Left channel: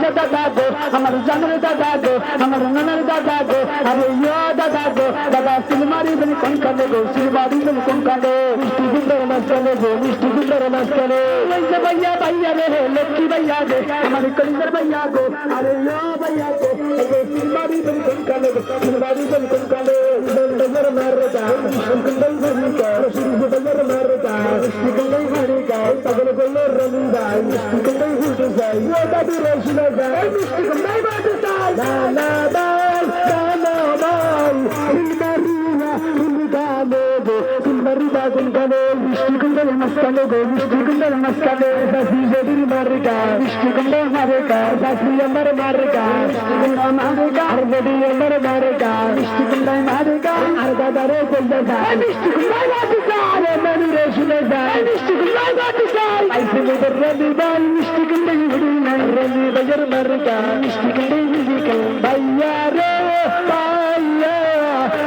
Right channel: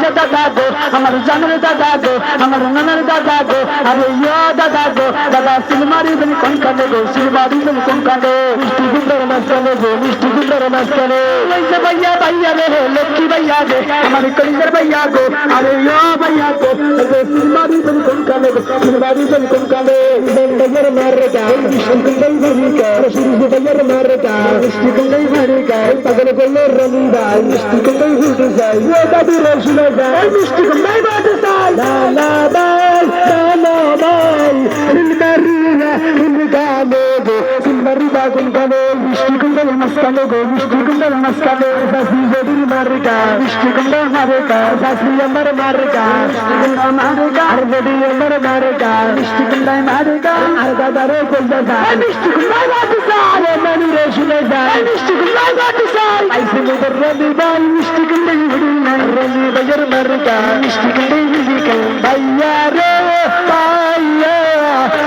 কলিজা দাদা গো, আমার জানের দাদা গো, আমার নানার দাদা গো, আরে ইয়া দাদা গো, দাদা সিলমারি বলি কোন কানে গো, সিলমারি বলি কোন কানে, মিষ্টি গুন্ডার মাঝখানে গো, মিষ্টি গুন্ডার মাঝখানে, ওই যে ভাইয়া ভাইয়া রে লক্ষ্মী ভাইয়া গো, আমার কলিজার ভাইয়া গো, আরে ইয়া ভাইয়া গো, সিলমারি বলি কোন কানে গো, সিলমারি বলি কোন কানে, বন্ডার মারে গা, মিষ্টি গুন্ডার মারে গা, রশিদ ভাইয়ার মারে গা, মিষ্টি গুন্ডার মারে গা, পাগল করলে রমি ভাই, মিষ্টি গুন্ডার হুটে যায়, ও দাদু রশিদ ভাই, মিষ্টি গুন্ডার বাজে যায়, লা লা বাই, লা লা বাই, সিলমারিয়া সিলগানে গো, সিলমারি বাগুন গানে, মিষ্টি গুন্ডার মাঝখানে গো, মিষ্টি গুন্ডার মাঝখানে, সাসি জেদির মারে গা, মিষ্টি গুন্ডার মারে গা, সাসি আমার মারে গা, মিষ্টি গুন্ডার মারে গা, আর জেদি আমার মারে গা, মিষ্টি গুন্ডার মারে গা, আর দাদারে কইলা যায়, মিষ্টি গুন্ডার বাজে যায়, নানি রে শুনে যায়, মিষ্টি গুন্ডার বাজে যায়, আইসে মোদের রবি ভাই, মিষ্টি গুন্ডার হুড়ি না, রবি ভাইয়ের মারে গা, মিষ্টি গুন্ডার হুড়ি গা, ভাইয়া রে ভাইয়া,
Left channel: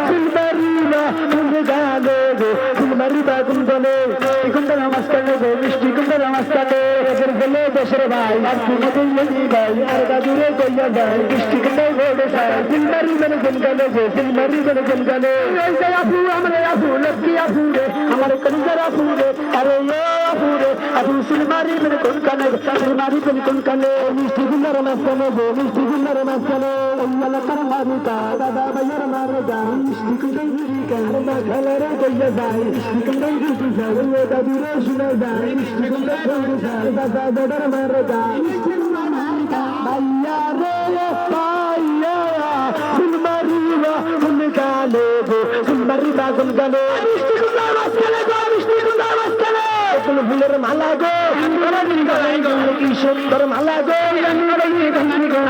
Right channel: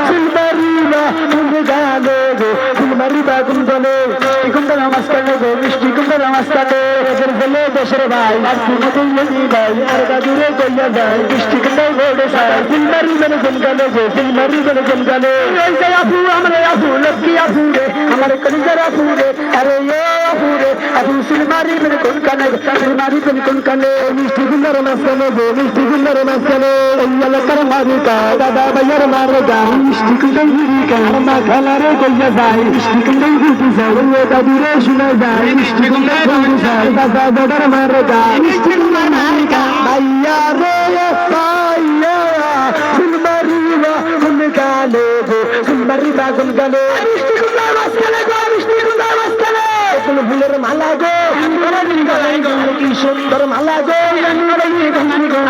সিলমারিয়া সিলগানে গো, সিলমারি বাগুন গানে, মিষ্টি গুন্ডার মাঝখানে গো, মিষ্টি গুন্ডার মাঝখানে, এদের বলে দেশের ভাই, আর তুমি কইলি ভাই, আর দাদুরে কইলা যায়, মিষ্টি গুন্ডার বলে যায়, সিলমারি বলে কোন গানে গো, সিলমারি বলে কোন গানে, ওই যে আপু আমরা আপু লক্ষ্মী আপু রে, আমার কলিজার আপু রে, আরে ও আপু রে, আপু সিলমারি বলে কোন গানে গো, সিলমারি বলে কোন গানে, মিষ্টি গুন্ডার মাঝখানে গো, মিষ্টি গুন্ডার মাঝখানে, ওই এলাকার মারি গা, দাদা ভাইয়ার মারে গা, মিষ্টি গুন্ডার হুড়ি গা, মা খালারে কইলা যায়, মিষ্টি গুন্ডার হুড়ি যায়, ওই দাদুরে শুনে যায়, মিষ্টি গুন্ডার হুড়ি যায়, দাদা দাদার মারে গা, মিষ্টি গুন্ডার মারে গা, ভাইয়া রে ভাইয়া, সিলমারি বাগুন গানে গো, সিলমারি বাগুন গানে, মিষ্টি গুন্ডার মাঝখানে গো, মিষ্টি গুন্ডার মাঝখানে, ফুল ফুলের মালা গো, কি সুন্দর মালা গো,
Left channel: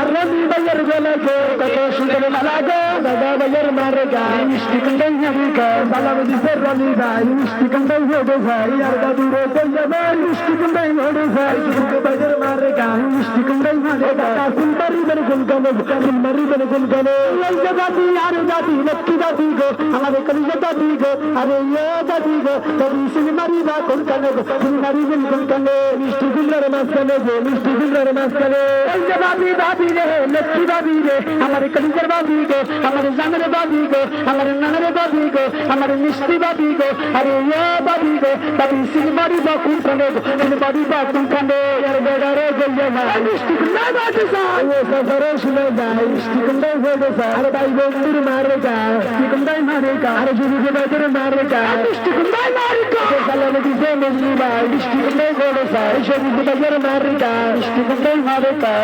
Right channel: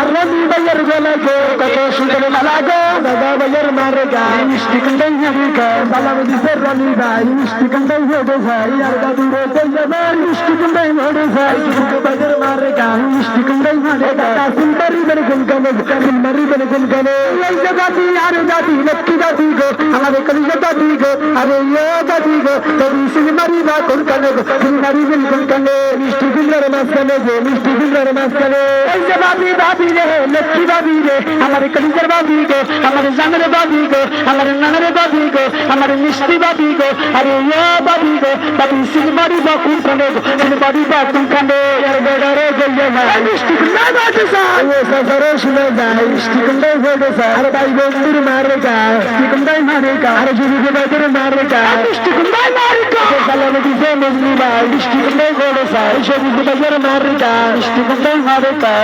আর রবি ভাইয়ের গলা গো, কত সুন্দর মালা গো, দাদা ভাইয়ের মারে গা, মিষ্টি কুন্ডাই হারি গা, সালাম দিছে রবি ভাই, মিষ্টি কুন্ডাই হেঁটে যাই, আর দাদু রে কইয়া ভাই, মিষ্টি কুন্ডাই হেঁটে যাই, রবি ভাইয়ের মারে গা, মিষ্টি কুন্ডাই হারে গা, সিলমারি বলে কোন গানে, সিলমারি বলে কোন গানে, এই যে জাতি আর জাতি লক্ষ্মী জাতি গো, আমাদের কলিজা জাতি গো, আরে ইয়ে জাতি গো, তবু সিলমারি বা কোন গানে গো, সিলমারি বলে কোন গানে, মিষ্টি কুন্ডার মাঝখানে গো, মিষ্টি কুন্ডার মাঝখানে, এই যে বাবি বাবি রে লক্ষ্মী বাবি রে, আমার কলিজার বাবি গো, আমার জানের বাবি গো, আমার নানার বাবি গো, আমার মিষ্টি বাবি গো, আরে ইয়ে বাবি গো, বাবি সিলমারি বা কোন গানে গো, সিলমারি বা কোন গানে, আর বেগারে গইয়া যায়, মিষ্টি কুন্ডার বাজে যায়, ও সাসারে শুনে যায়, মিষ্টি কুন্ডার হয়ে যায়, আর ভাই বন্ধুর মারে গা, মিষ্টি কুন্ডার মারে গা, আর যুবী ভাইদের মারে গা, মিষ্টি কুন্ডার মারে গা, সালাম দিছে মজলি ভাই, মিষ্টি কুন্ডার হয়ে যায়, সবুজ ভাইয়ের মারে গা, মিষ্টি কুন্ডার মারে গা,